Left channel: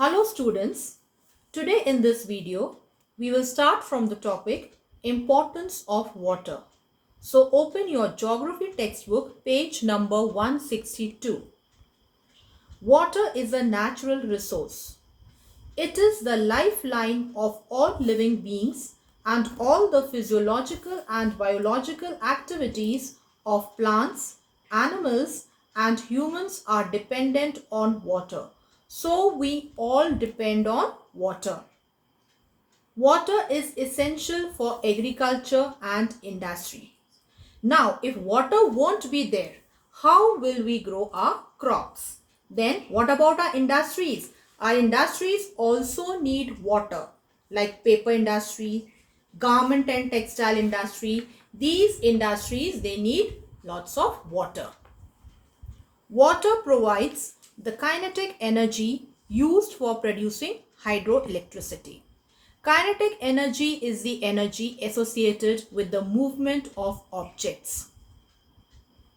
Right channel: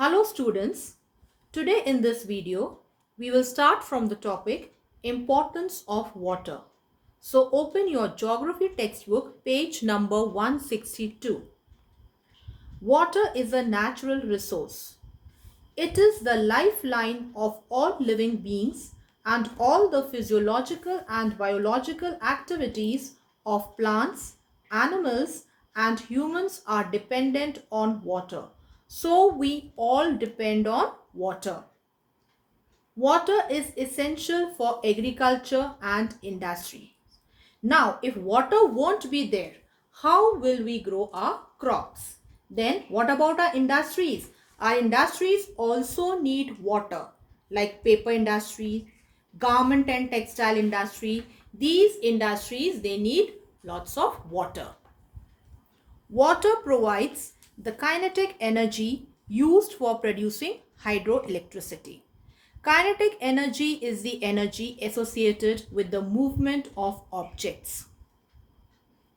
Hello students, today in this video we will start from the topic Importance of Water. So open your geography textbook page number 162. Water is a natural resource. It is the lifeline of all living beings and all the physiological and biological activities of plants, animals and humans are dependent on water. So we all depend on water. Water is essential for agriculture and industry. Now, if water won't be there, how will we grow our crops? Then, what about our industries? Our industries also need water, like paper industry, garment and textile industry. These industries, they need lots of water. Water provides the kinetic energy used for producing hydroelectricity. Kinetic energy is the energy associated with the movement of objects.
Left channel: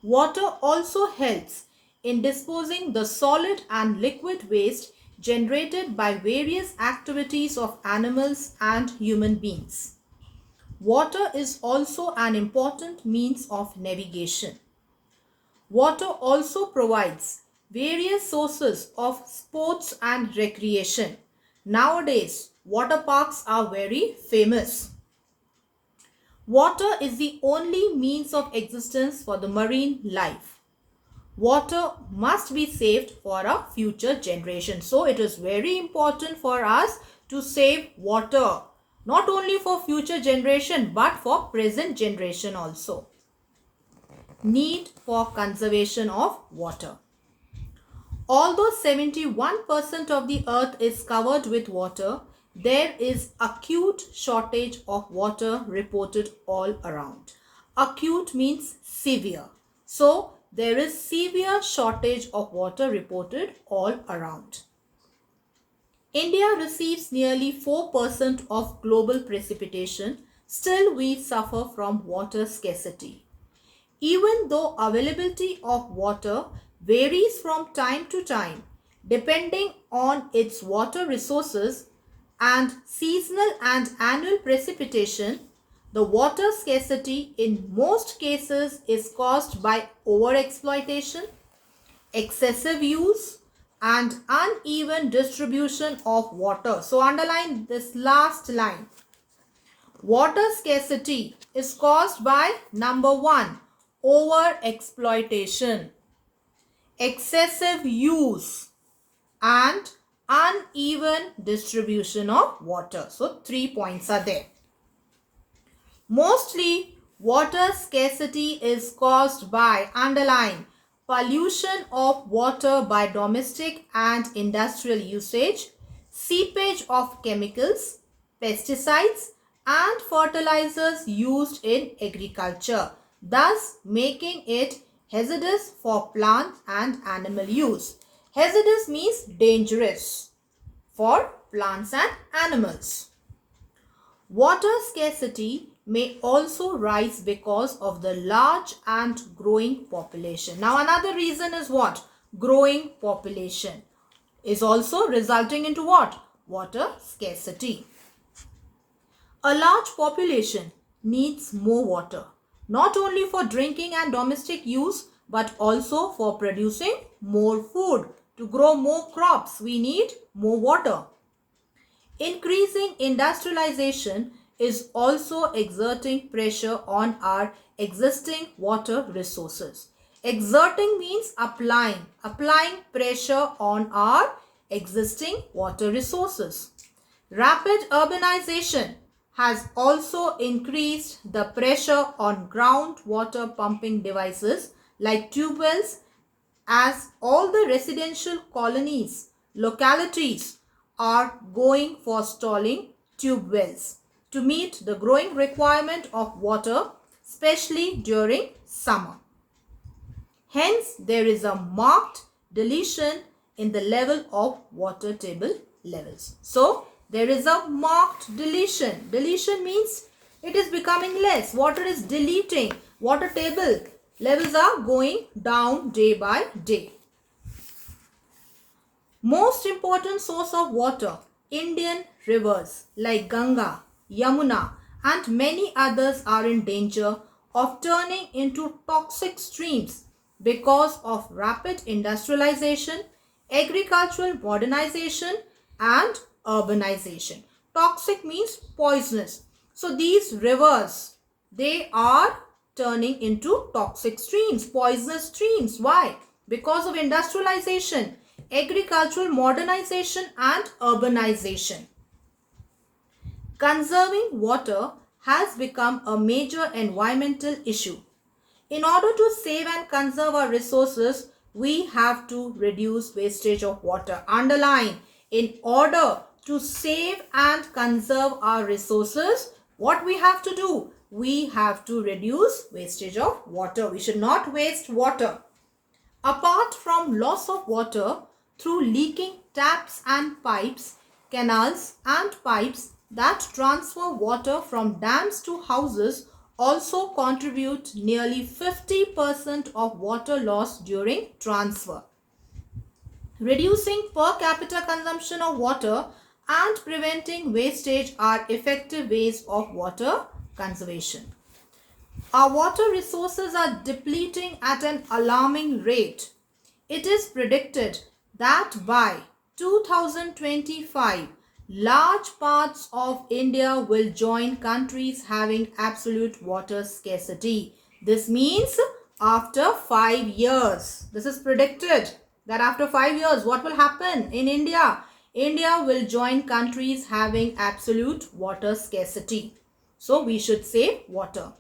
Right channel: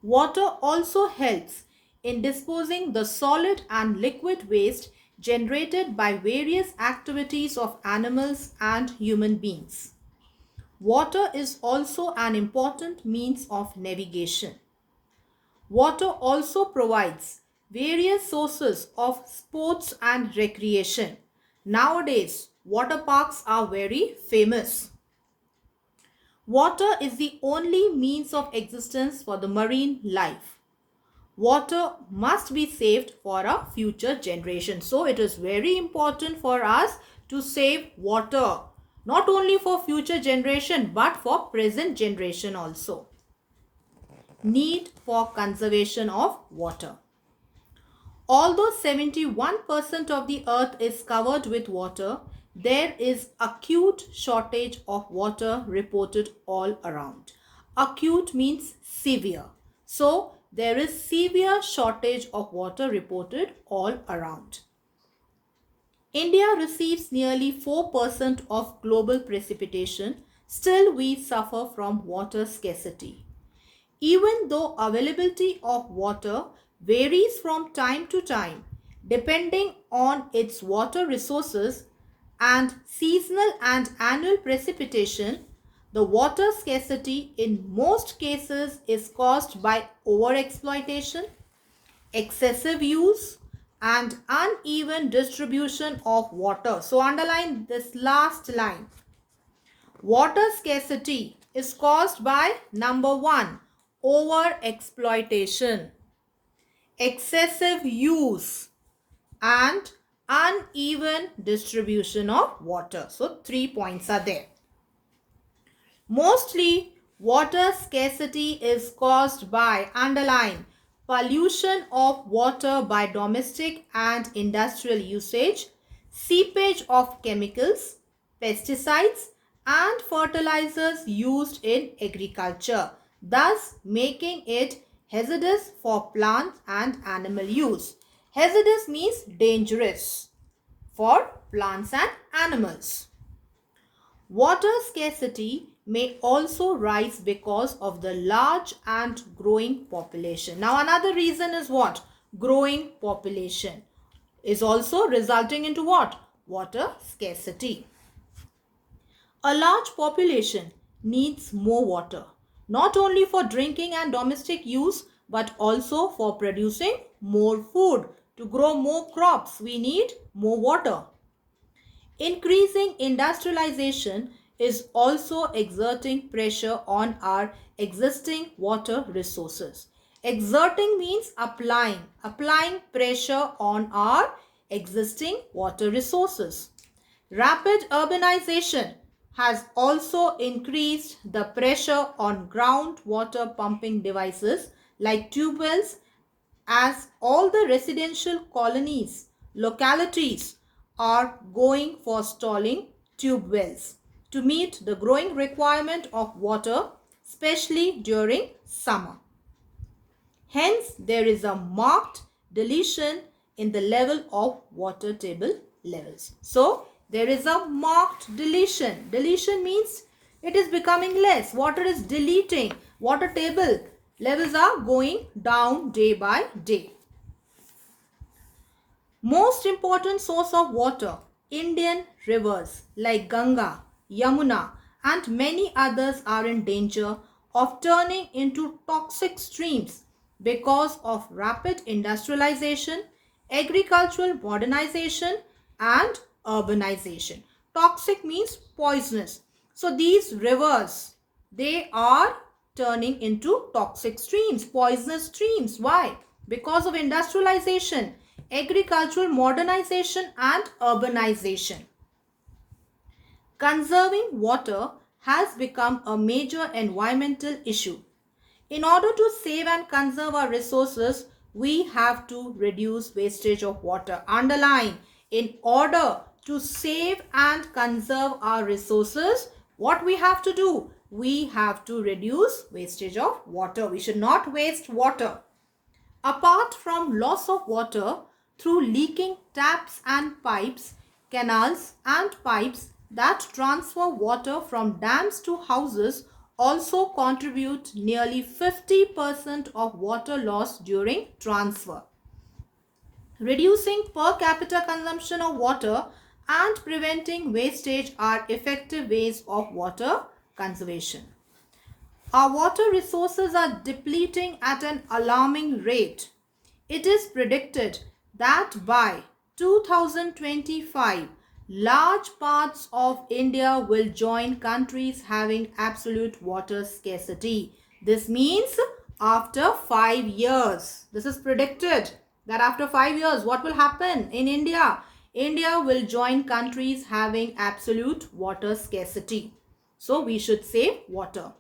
Water also helps in disposing the solid and liquid waste generated by various activities of animals and human beings. Water is also an important means of navigation. Water also provides various sources of sports and recreation. Nowadays, water parks are very famous. Water is the only means of existence for the marine life. Water must be saved for a future generation. So it is very important for us to save water. Not only for future generation but for present generation also. Need for conservation of water. Although 71% of the earth is covered with water, there is acute shortage of water reported all around. Acute means severe. So, there is severe shortage of water reported all around. India receives nearly 4% of global precipitation. Still, we suffer from water scarcity. Even though availability of water varies from time to time depending on its water resources and seasonal and annual precipitation, the water scarcity in most cases is caused by overexploitation, excessive use and uneven distribution of water. So underline this last line. Water scarcity is caused by number 1, over exploitation, excessive use and uneven distribution of water. So 3 points are there. Mostly water scarcity is caused by, underline, pollution of water by domestic and industrial usage, seepage of chemicals, pesticides and fertilizers used in agriculture, thus making it hazardous for plant and animal use. Hazardous means dangerous for plants and animals. Water scarcity may also rise because of the large and growing population. Now another reason is what? Growing population is also resulting into what? Water scarcity. A large population needs more water, not only for drinking and domestic use, but also for producing more food. To grow more crops, we need more water. Increasing industrialization is also exerting pressure on our existing water resources. Exerting means applying pressure on our existing water resources. Rapid urbanization has also increased the pressure on groundwater pumping devices like tube wells, as all the residential colonies, localities are going for installing tube wells to meet the growing requirement of water, especially during summer. Hence, there is a marked deletion in the level of water table levels. So, there is a marked deletion. Deletion means it is becoming less. Water is deleting. Water table levels are going down day by day. Most important source of water, Indian rivers like Ganga, Yamuna and many others are in danger of turning into toxic streams because of rapid industrialization, agricultural modernization and urbanization. Toxic means poisonous. So these rivers, they are turning into toxic streams, poisonous streams. Why? Because of industrialization, agricultural modernization and urbanization. Conserving water has become a major environmental issue. In order to save and conserve our resources, we have to reduce wastage of water. Underline, in order to save and conserve our resources, what we have to do? We have to reduce wastage of water. We should not waste water. Apart from loss of water through leaking taps and pipes, canals and pipes that transfer water from dams to houses also contribute nearly 50% of water loss during transfer. Reducing per capita consumption of water and preventing wastage are effective ways of water conservation. Our water resources are depleting at an alarming rate. It is predicted that by 2025, large parts of India will join countries having absolute water scarcity. This means after 5 years. This is predicted that after 5 years, what will happen in India? India will join countries having absolute water scarcity. So we should save water.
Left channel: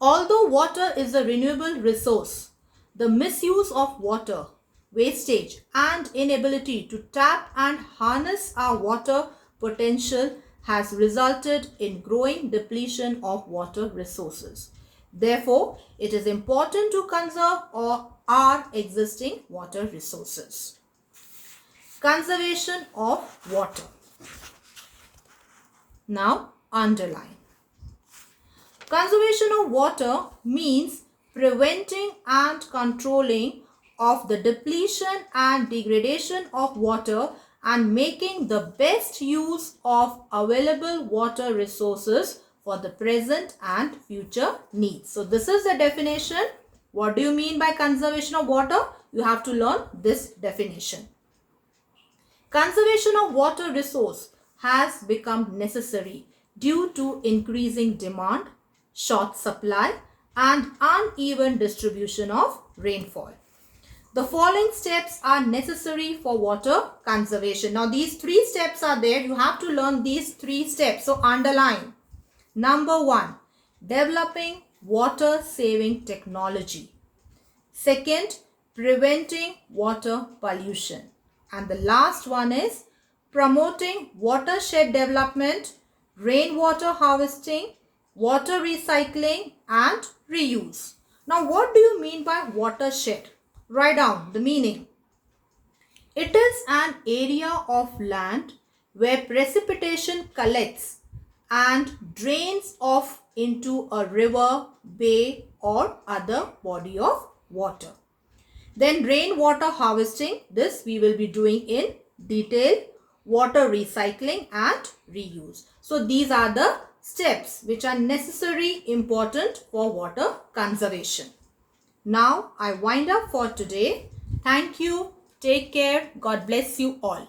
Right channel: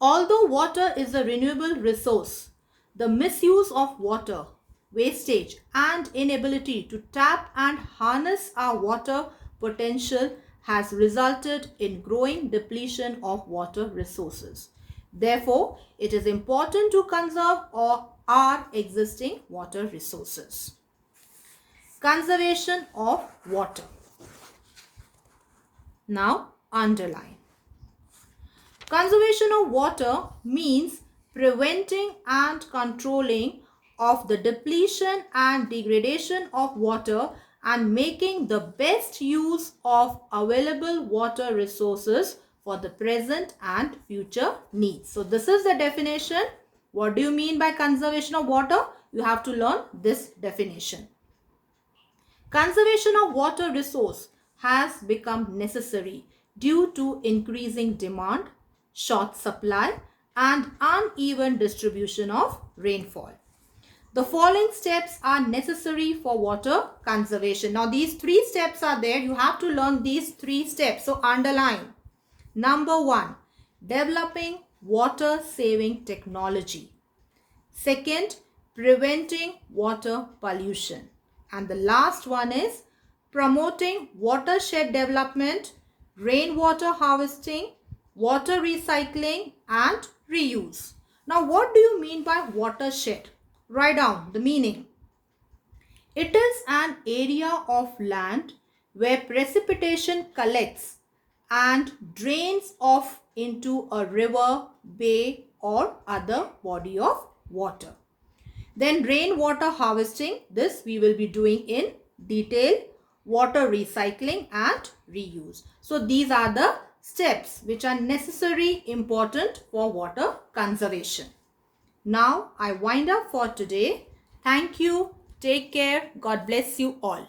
Although water is a renewable resource, the misuse of water, wastage and inability to tap and harness our water potential has resulted in growing depletion of water resources. Therefore, it is important to conserve our existing water resources. Conservation of water. Now, underline. Conservation of water means preventing and controlling of the depletion and degradation of water and making the best use of available water resources for the present and future needs. So this is the definition. What do you mean by conservation of water? You have to learn this definition. Conservation of water resource has become necessary due to increasing demand, short supply and uneven distribution of rainfall. The following steps are necessary for water conservation. Now these 3 steps are there. You have to learn these 3 steps. So underline. Number 1, developing water saving technology. Second, preventing water pollution. And the last one is promoting watershed development, rainwater harvesting, water recycling and reuse. Now what do you mean by watershed? Write down the meaning. It is an area of land where precipitation collects and drains off into a river, bay or other body of water. Then rainwater harvesting, this we will be doing in detail, water recycling and reuse. So these are the steps which are necessary, important for water conservation. Now I wind up for today. Thank you. Take care. God bless you all.